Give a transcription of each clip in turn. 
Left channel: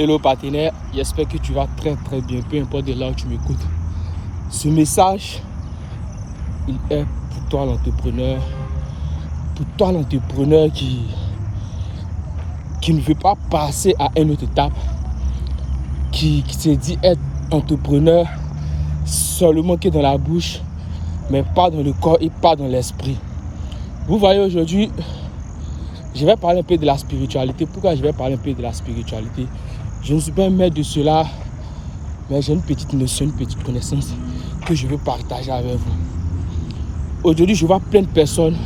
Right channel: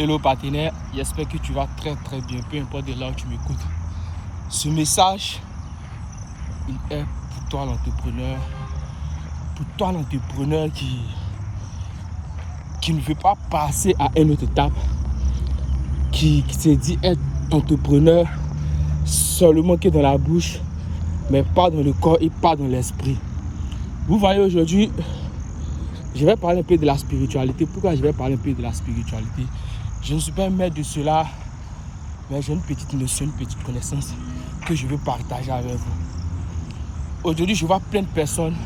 Hello partenaire, j'espère que tu vas très bien, peu importe de là où tu m'écoutes. Ce message, il est pour toi l'entrepreneur qui ne veut pas passer à une autre étape, qui se dit être entrepreneur seulement que dans la bouche, mais pas dans le corps et pas dans l'esprit. Vous voyez, aujourd'hui, je vais parler un peu de la spiritualité. Pourquoi je vais parler un peu de la spiritualité? Je ne suis pas un maître de cela, mais j'ai une petite notion, une petite connaissance que je veux partager avec vous. Aujourd'hui, je vois plein de personnes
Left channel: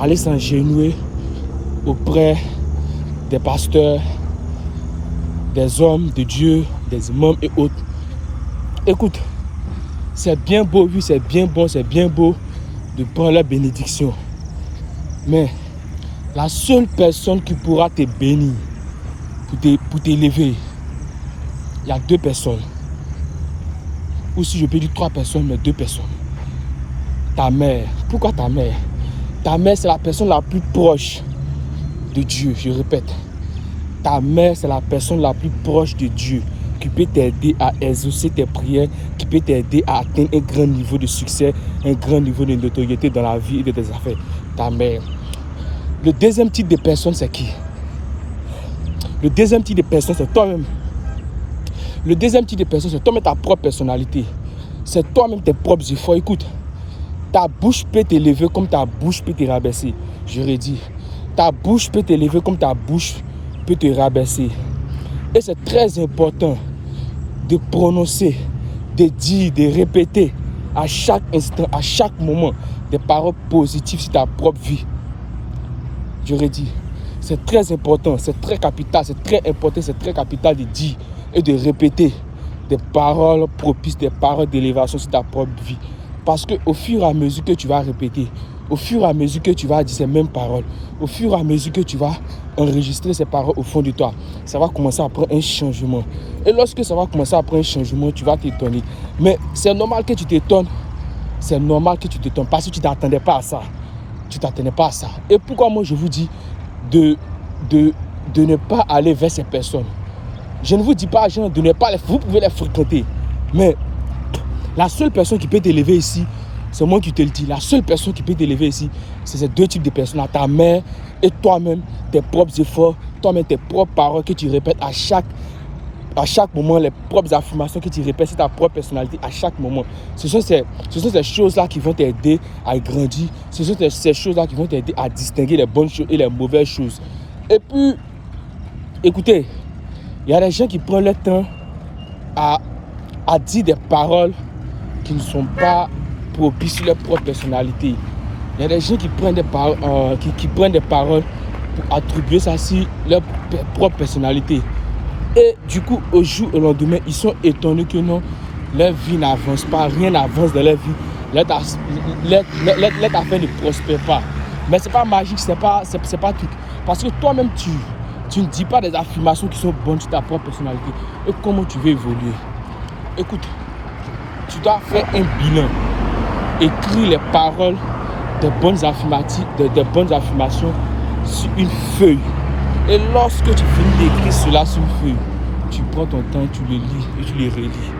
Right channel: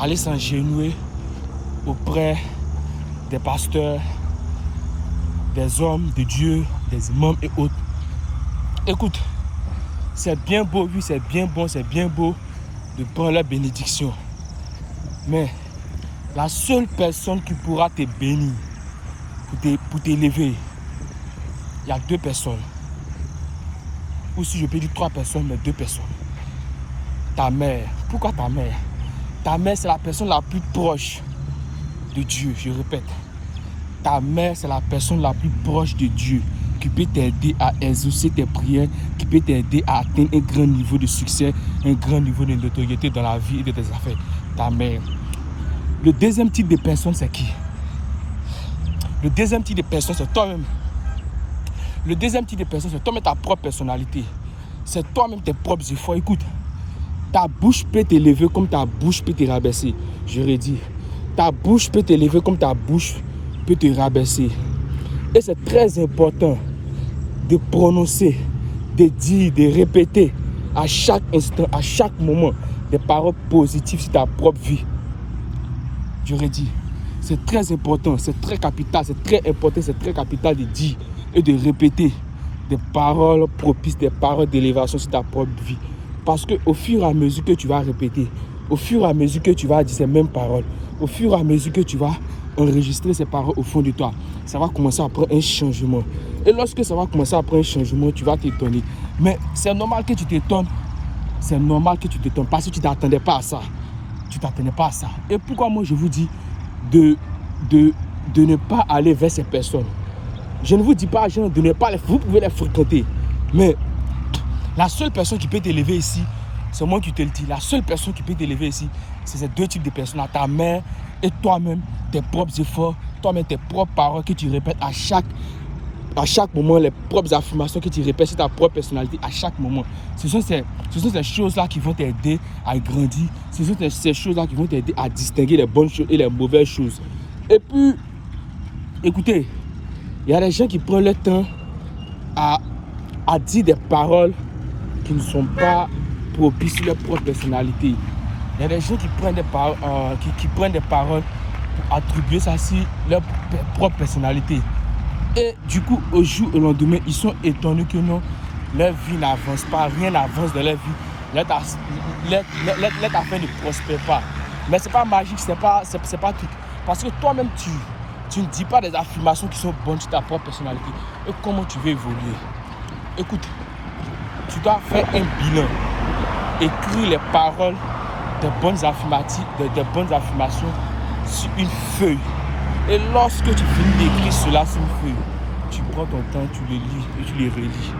aller s'agenouiller auprès des pasteurs, des hommes de Dieu, des imams et autres. Écoute, c'est bien beau, oui, c'est bien bon, c'est bien beau de prendre la bénédiction. Mais la seule personne qui pourra te bénir, pour t'élever, il y a deux personnes. Ou si je peux dire trois personnes, mais deux personnes. Ta mère. Pourquoi ta mère? Ta mère, c'est la personne la plus proche de Dieu, je répète. Ta mère, c'est la personne la plus proche de Dieu qui peut t'aider à exaucer tes prières, qui peut t'aider à atteindre un grand niveau de succès, un grand niveau de notoriété dans la vie et dans tes affaires. Ta mère. Le deuxième type de personne, c'est qui? Le deuxième type de personne, c'est toi-même. Le deuxième type de personne, c'est toi-même, ta propre personnalité. C'est toi-même tes propres efforts. Écoute, ta bouche peut t'élever comme ta bouche peut te rabaisser. Je redis, ta bouche peut t'élever comme ta bouche peut te rabaisser. Et c'est très important de prononcer, de dire, de répéter à chaque instant, à chaque moment, des paroles positives sur ta propre vie. Je redis, c'est très important, c'est très capital, c'est très important, c'est très capital de dire et de répéter des paroles propices, des paroles d'élévation sur ta propre vie. Parce qu'au fur et à mesure que tu vas répéter, au fur et à mesure que tu vas dire ces mêmes paroles, au fur et à mesure que tu vas enregistrer ces paroles au fond de toi, ça va commencer à prendre un changement. Et lorsque ça va commencer à prendre un changement, tu vas t'étonner. Mais c'est normal que tu t'étonnes. C'est normal que tu t'étonnes parce que tu ne t'attendais pas à ça. Tu ne t'attendais pas à ça. Et pourquoi moi je vous dis de ne pas aller vers ces personnes? Je ne vous dis pas, gens, de ne pas les... Vous pouvez les fréquenter. Mais la seule personne qui peut t'élever ici, c'est moi qui te le dis. La seule personne qui peut t'élever ici, c'est ces deux types de personnes. Ta mère et toi-même, tes propres efforts, toi-même tes propres paroles que tu répètes à chaque moment, les propres affirmations que tu répètes sur ta propre personnalité à chaque moment. Ce sont ces choses-là qui vont t'aider à grandir. Ce sont ces choses-là qui vont t'aider à distinguer les bonnes choses et les mauvaises choses. Et puis, écoutez, il y a des gens qui prennent le temps à dire des paroles qui ne sont pas propices sur leur propre personnalité. Il y a des gens qui prennent des paroles, pour attribuer ça sur leur propre personnalité. Et du coup, au jour et au lendemain, ils sont étonnés que non, leur vie n'avance pas, rien n'avance dans leur vie, leur affaire ne prospère pas. Mais ce n'est pas magique, c'est pas tout. Parce que toi-même, tu ne dis pas des affirmations qui sont bonnes sur ta propre personnalité. Et comment tu veux évoluer? Écoute, tu dois faire un bilan. Écris les paroles des bonnes affirmations sur une feuille. Et lorsque tu finis d'écrire cela sur une feuille, tu prends ton temps, tu le lis et tu le relis.